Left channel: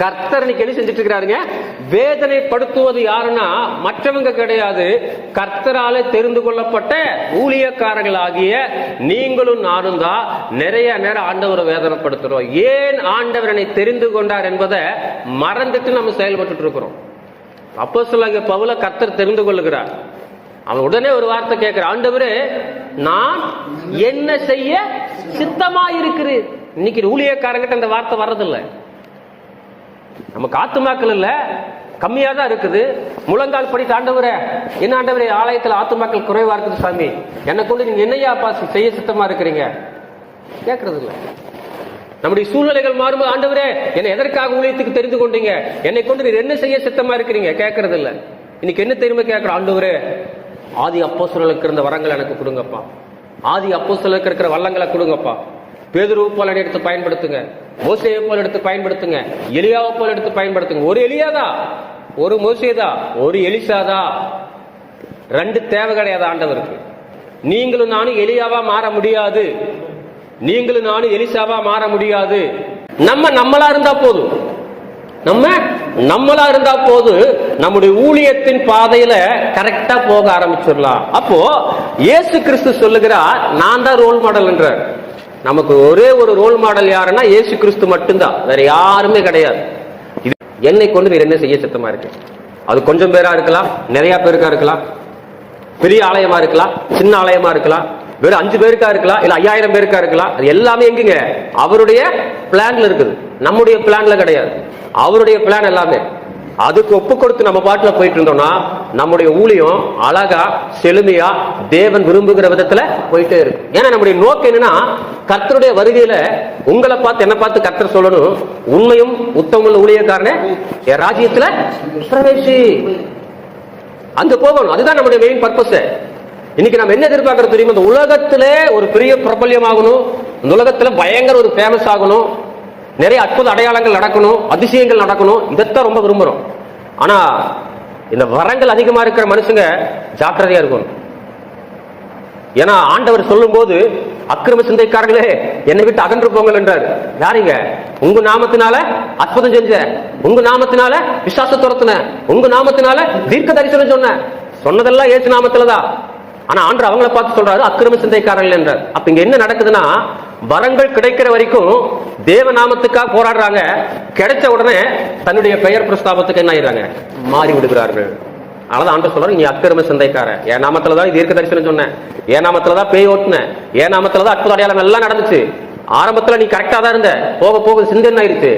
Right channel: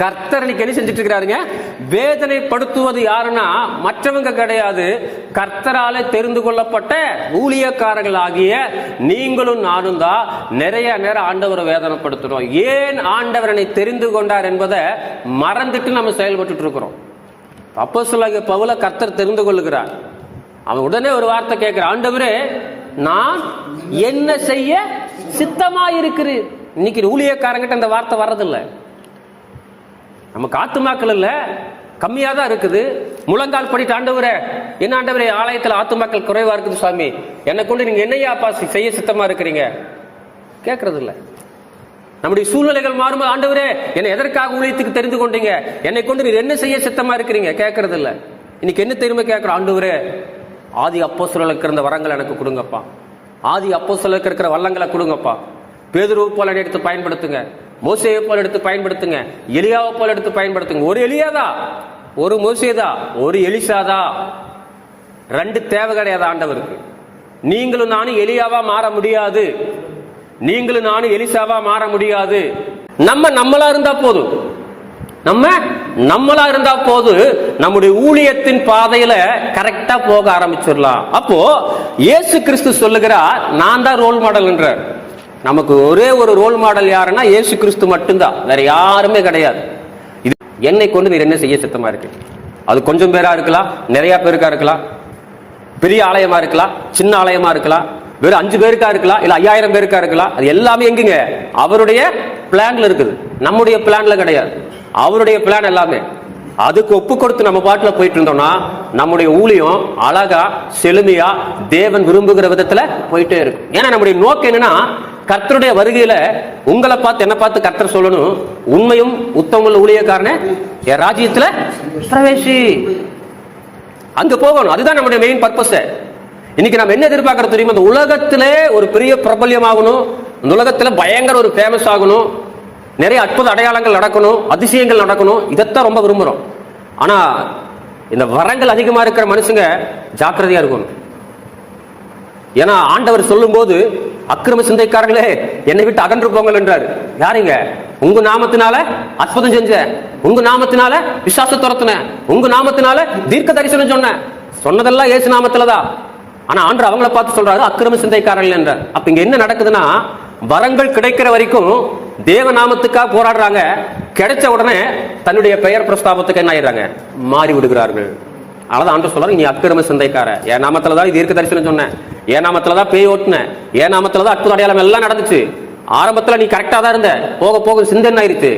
கர்த்தர் இன்னைக்கு செஞ்சுட்டு இருக்கிறாருங்க. வேதனைப்படுத்துவது யாருன்னா மற்றவங்க கிடையாது, கர்த்தராலே தெரிந்து கொள்ளப்பட்ட ஊழியக்காரர்கள் ஆகிய நீங்களும் நானும் தான் நிறைய நேரம் ஆண்டவரை வேதனைப்படுத்துறோம். ஏன் ஆண்டவரனை தெரிந்து கொண்டார் என்பதை மறந்துட்டு நம்ம செயல்பட்டு இருக்கிறோம். அப்போஸ்தலனாகிய பவுலை கர்த்தர் தெரிந்து கொள்ளுகிறார். அவன் உடனே ஒரு வார்த்தை கேட்கிறான், ஆண்டவரே நான் என்ன செய்ய சித்தமா இருக்கிறேன். இன்னைக்கு ஊழியக்காரங்கிட்ட இந்த வார்த்தை வர்றதில்லை. நமக்கு ஆத்துமாக்கள் இல்ல, கம்மியா தான் இருக்குது. முழங்கால் படிட்டு ஆண்டவரே, என்ன ஆண்டவரே ஆலயத்தில் ஆத்துமாக்கள் குறைவா இருக்குது சாமி, என்னை கொண்டு நீங்க என்னையா பாசி செய்ய சித்தமா இருக்கிறீங்க கேட்கறது இல்ல. நம்முடைய சூழ்நிலைகள் மாறும், ஆண்டவரே என்னை எதற்காக ஊழியத்துக்கு தெரிந்து கொண்டீங்க, என்னை கொண்டு நீர் என்ன செய்ய சித்தமா இருக்கிறீங்க கேட்கறது இல்ல. இன்னைக்கு என்ன தெரியுமா கேட்கிறோம், ஆண்டவரே ஆதி அப்போஸ்தலருக்கு இருந்த வரங்கள் எனக்கு கொடுங்கப்பா, ஆதி அப்போஸ்தலருக்கு இருக்கிற வல்லங்களை கொடுங்கப்பா. பேதுருவை போல எடுத்து பயன்படுத்துங்க, மோசேயை போல எடுத்து பயன்படுத்துங்க, எலியாவை போல எடுத்து பயன்படுத்துங்க. ஒரு எலியாதா, ஒரு மோசேதா, ஒரு எலிசாதா, ரெண்டு தேவை கிடையாது ஆண்டவருக்கு. நீங்களும் நானும் எலியாவா மாற முடியாது, நீங்களும் நானும் எலிசாவா மாற முடியாது. நம்மளா இருந்தா போதும், நம்மளா இருந்தா போது நம்முடைய ஊழியத்தின் பாதையில கரெக்டா போக ஆரம்பிச்சிடலாம். அப்போ இயேசு கிறிஸ்து சொல்லுகிறார், நான் தான் ரோல் மாடல் என்றார். நமக்கு ஒரே ஒரு ரோல் மாடல் யாருன்னா இயேசு கிறிஸ்து மட்டும்தான், வேற யாருமே கிடையாது. என்னை கொண்டு வேற என்ன செய்ய சித்தமா இருக்கு. அது கொஞ்சம் பேரா இருக்கலாம், நிறைய பேருக்கா இருக்கலாம், பெரிய ஆலயமா இருக்கலாம், சின்ன ஆலயமா இருக்கலாம், வெறும் 5 பேருக்கா இருக்கலாம், இல்ல 5000 பேருக்கா இருக்கலாம். அது எல்லாமே எங்குங்க அவருடைய பிளான்ல இருக்குது, நம்முடைய பிளான்ல கிடையாது. அவருடைய பிளான் எல்லாமே. அதுக்கு ஒப்பு கொடுத்து நம்ம பாட்டுல போயிட்டு இருந்தோம்னா நம்முடைய ஊழியம் அழகா செழுமையா தேவன் விரும்புகிற விதத்துல போயிட்டே இருக்கு. ஏன்னா நம்முடைய நோக்கம் என்னன்னா, கர்த்தருடைய வருகையில உங்களை பார்த்து என்ன பார்த்து கர்த்தர் சொல்லணும், உண்மையும் உத்தம ஊழியக்காரனே என் ராஜ்யத்துல பிரவேசி, அங்க போகணும். அதுதான் நம்முடைய மெயின் பர்பஸ். இன்னைக்கு நம்ம என்ன எதிர்பார்க்கறது தெரியுமா, இந்த உலகத்திலே ஒரு பெரிய பிரபல்யம் ஆகணும், இந்த உலகத்துல பயங்கர ஒரு ஃபேமஸ் ஆகணும், நிறைய அற்புத அடையாளங்கள் நடக்கணும், அதிசயங்கள் நடக்கணும், இதைத்தான் ரொம்ப விரும்புறோம். ஆனா இந்த வரங்கள் அதிகமா இருக்கிற மனுஷங்க ஜாக்கிரதையா இருக்கணும். ஏன்னா ஆண்டவர் சொல்லும் போது அக்கிரம சிந்தைக்காரங்களே என்னை விட்டு அகன்று போங்கள் என்றார். யாருங்க? உங்க நாமத்தினால அற்புதம் செஞ்ச, உங்க நாமத்தினால விசுவாச துரத்தின, உங்க நாமத்தினால தீர்க்க தரிசனம் சொன்னதெல்லாம் இயேசு நாமத்துலதான். ஆனா ஆண்டவர் அவங்கள பார்த்து சொல்றாரு அக்கிரம சிந்தைக்காரர்கள் என்றார். அப்ப இங்க என்ன நடக்குதுன்னா, வரங்கள் கிடைக்கிற வரைக்கும் தேவ நாமத்துக்காக போராடுறாங்க, கிடைச்ச உடனே தன்னுடைய பெயர் பிரஸ்தாபத்துக்கு என்ன ஆயிடுறாங்க, மாறி விடுகிறார்கள். அதனால ஆண்டவர் சொல்றாரு, நீ அக்கிரம சிந்தைக்கார, என் நாமத்துலதான் தீர்க்க தரிசனம் சொன்னேன், என் நாமத்துலதான் பேய் ஓட்டுனேன், என் நாமத்துலதான் அற்புத அடையாளம் எல்லாம் நடந்துச்சு. ஆரம்பத்துல நீ கரெக்டா தான் இருந்த, போக போக சிந்தை என்ன ஆயிருச்சு,